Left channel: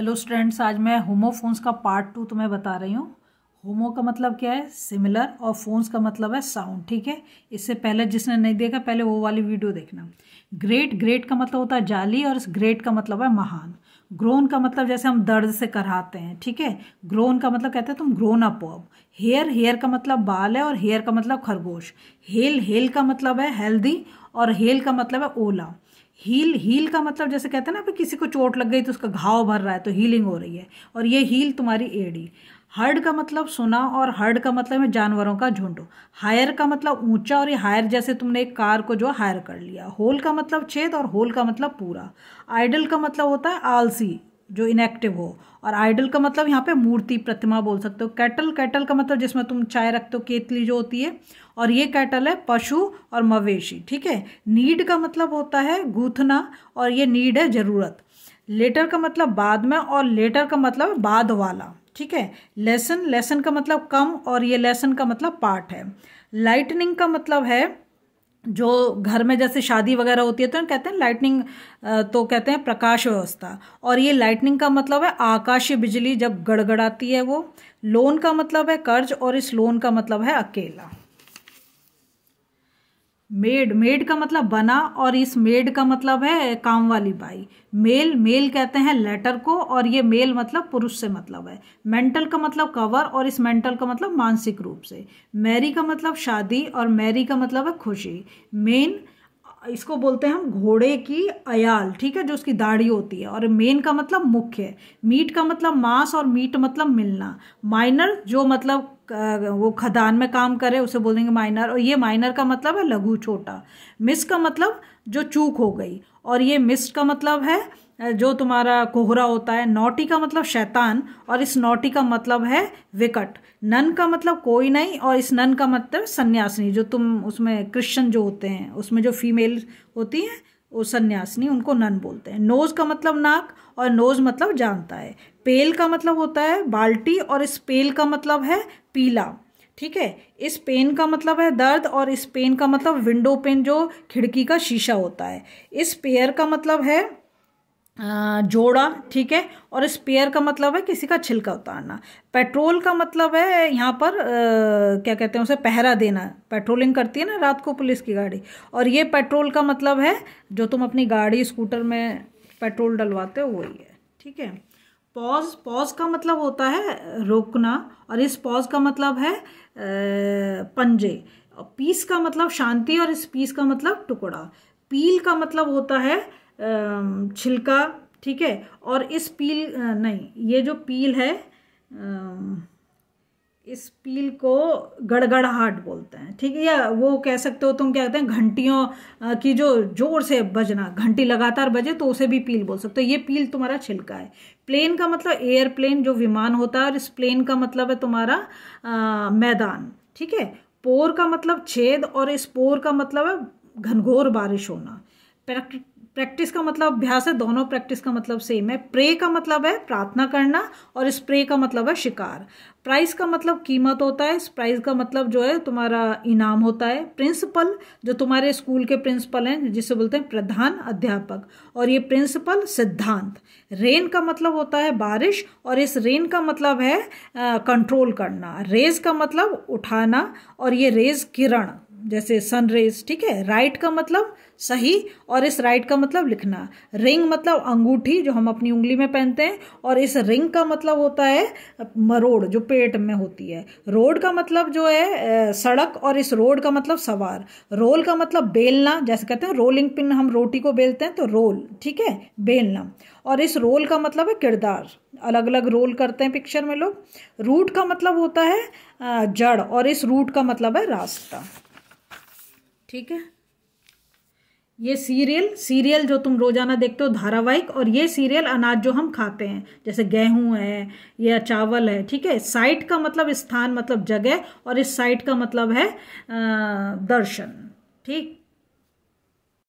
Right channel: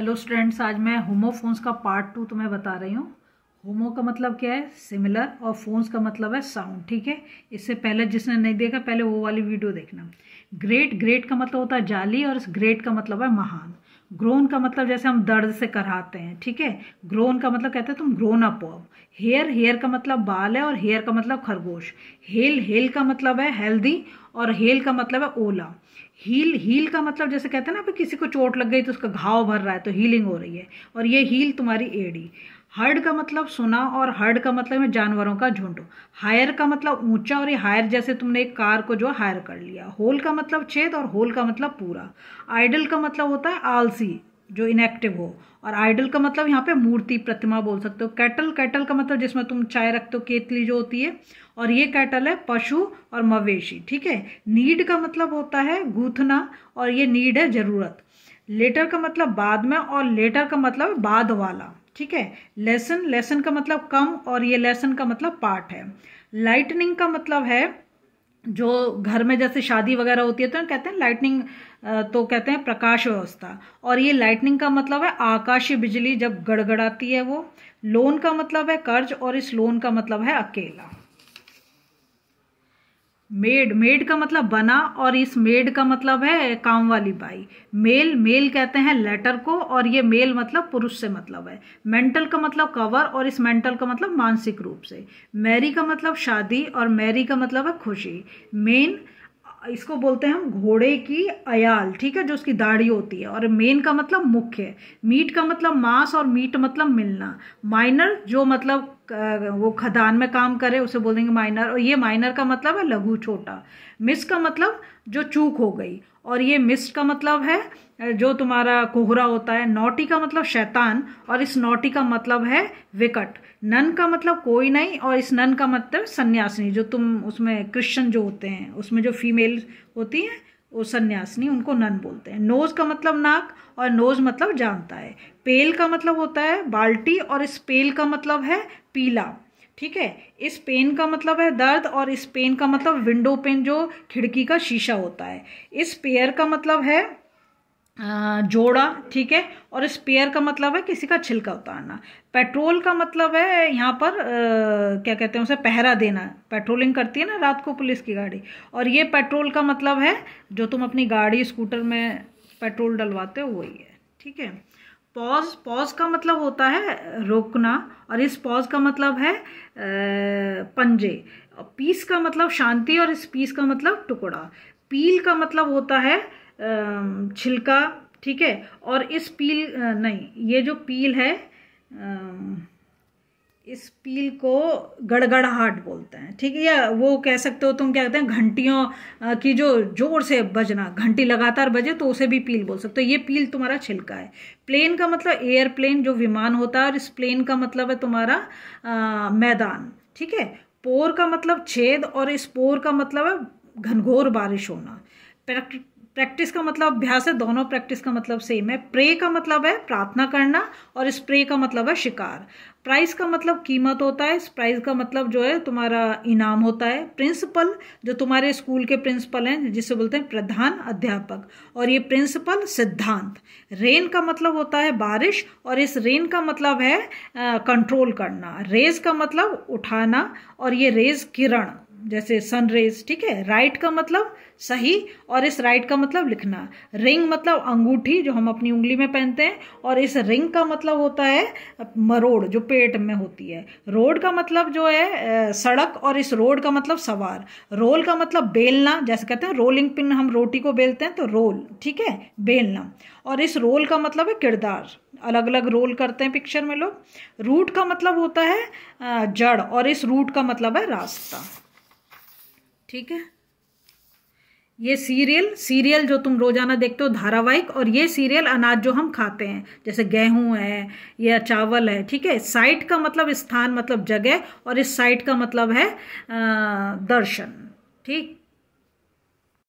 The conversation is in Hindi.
हेलो स्टूडेंट्स, आज मैं होमोफोन्स का पार्ट 2 तुम्हें बता रही हूँ। होमो का मतलब क्या है? सिमिलर, और फोन्स का मतलब है साउंड। ठीक है, इससे पहले जिसने नहीं देखा पहले वो वाली वीडियो देखना। ग्रेट, ग्रेट का मतलब होता है जाली, और इस ग्रेट का मतलब है महान। ग्रोन का मतलब जैसे हम दर्द से कराते हैं। ठीक है, ग्रोन का मतलब कहते हैं तुम ग्रोन अप हो। हेयर, हेयर का मतलब बाल है, और हेयर का मतलब खरगोश। हेल, हेल का मतलब है हेल्दी, और हेल का मतलब है ओला। हील, हील का मतलब जैसे कहते हैं ना कि किसी को चोट लग गई तो उसका घाव भर रहा है तो हीलिंग हो रही है, और ये हील तुम्हारी एड़ी। हर्ड का मतलब सुना, और हर्ड का मतलब है जानवरों का झुंड। हायर का मतलब ऊंचा, और ये हायर जैसे तुमने एक कार को जो हायर कर लिया। होल का मतलब छेद, और होल का मतलब पूरा। आइडल का मतलब होता है आलसी, जो इनएक्टिव हो। और आइडल का मतलब यहाँ पे मूर्ति, प्रतिमा बोल सकते हो। कैटल, कैटल का मतलब जिसमें तुम चाय रखते हो, केतली जो होती है, और ये कैटल है पशु और मवेशी। ठीक है, नीड का मतलब होता है गूंथना, और ये नीड है जरूरत। लेटर का मतलब बाद में, और लेटर का मतलब बाद वाला। ठीक है, लेसन, लेसन का मतलब कम, और ये लेसन का मतलब पार्ट है। लाइटनिंग का मतलब है जो घर में जैसे शादी वगैरह होती है तो कहते हैं लाइटनिंग, तो कहते हैं प्रकाश व्यवस्था। और ये लाइटनिंग का मतलब है आकाशीय बिजली जब गड़गड़ाती है वो। लोन का मतलब है कर्ज, और इस लोन का मतलब है अकेला। मेड, मेड का मतलब बना, और इस मेड का मतलब है काम वाली बाई। मेल, मेल कहते हैं लेटर को, और ये मेल मतलब पुरुष से मतलब है। मेंटल का मतलब कवर, और इस मेंटल का मतलब मानसिक रूप से। मैरी का मतलब शादी, और मैरी का मतलब है खुशी। मेन, इसको बोलते हैं हम घोड़े की अयाल। ठीक है, जो उसकी दाढ़ी होती है। और मेन का मतलब मुख्य। मीट का मतलब मांस, और मीट मतलब मिलना। माइनर, जो मतलब वो खदान में काम करे उसे बोलेंगे माइनर, और ये माइनर का मतलब है लघु, छोटा। मिस का मतलब जो चूक हो गई, और ये मिस का मतलब है जो तुम्हारा कोहरा होता है। नॉटी का मतलब शैतान, और इस नॉटी का मतलब है विकट। नन का मतलब कोई नहीं, और इस नन का मतलब सन्यासिनी, जो तुम उसमें क्रिश्चियन जो होते हैं उसमें जो फीमेल होती है वो सन्यासिनी, उनको नन बोलते हैं। नोज का मतलब नाक, और नोज मतलब जानता है। पेल का मतलब होता है बाल्टी, और इस पेल का मतलब है पीला। ठीक है, इस पेन का मतलब है दर्द, और इस पेन का मतलब विंडो पेन, जो खिड़की का शीशा होता है। इस पेयर का मतलब है जोड़ा। ठीक है, और स्पेयर का मतलब है किसी का छिलका उतारना। पेट्रोल का मतलब है यहाँ पर क्या कहते हैं उसे, पहरा देना। पेट्रोलिंग करती है ना रात को पुलिस की गाड़ी, और ये पेट्रोल का मतलब है जो तुम अपनी गाड़ी स्कूटर में पेट्रोल डलवाते हो, वही है। ठीक है, पॉज, पॉज का मतलब होता है रोकना, और इस पॉज का मतलब है पंजे। पीस का मतलब शांति, और इस पीस का मतलब टुकड़ा। पील का मतलब होता है छिलका। ठीक है, और इस पील नहीं, ये जो पील है इस पील को गड़गड़ाहट बोलते हैं। ठीक है, या वो कह सकते हो तुम, क्या कहते हैं घंटियों की जो जोर से बजना, घंटी लगातार बजे तो उसे भी पील बोल सकते हो। ये पील तुम्हारा छिलका है। प्लेन का मतलब एयरप्लेन, जो विमान होता है, और इस प्लेन का मतलब है तुम्हारा मैदान। ठीक है, पोर का मतलब छेद, और इस पोर का मतलब है घनघोर बारिश होना। प्रैक्टिस का मतलब अभ्यास है, दोनों प्रैक्टिस का मतलब सेम है। प्रे का मतलब है प्रार्थना करना, और स्प्रे का मतलब है शिकार। प्राइस का मतलब कीमत होता है, प्राइस का मतलब जो है तुम्हारा इनाम होता है। प्रिंसिपल, जो तुम्हारे स्कूल के प्रिंसिपल हैं जिसे बोलते हैं प्रधान अध्यापक, और ये प्रिंसिपल सिद्धांत। रेन का मतलब होता है बारिश, और इस रेन का मतलब है कंट्रोल करना। रेज का मतलब उठाना, और ये रेज किरण जैसे सन रेज। ठीक है, राइट का मतलब सही, और इस राइट का मतलब लिखना। रिंग मतलब अंगूठी जो हम अपनी उंगली में पहनते हैं, और इस रिंग का मतलब होता है मरोड़, जो पेट में होती है। रोड का मतलब जो है सड़क, और इस रोड का मतलब सवार। रोल का मतलब बेलना, जैसे कहते हैं रोलिंग पिन, हम रोटी को बेलते हैं तो रोल। ठीक है, बेलना। और इस रोल का मतलब है किरदार, अलग अलग रोल करते हैं पिक्चर में लोग। रूट का मतलब होता है जड़, और इस रूट का मतलब है रास्ता। ठीक है, ये सीरियल, सीरियल जो तुम रोजाना देखते हो धारावाहिक, और ये सीरियल अनाज जो हम खाते हैं जैसे गेहूं है या चावल है। ठीक है, साइट का मतलब स्थान, मतलब जगह, और इस साइट का मतलब है दर्शन। ठीक।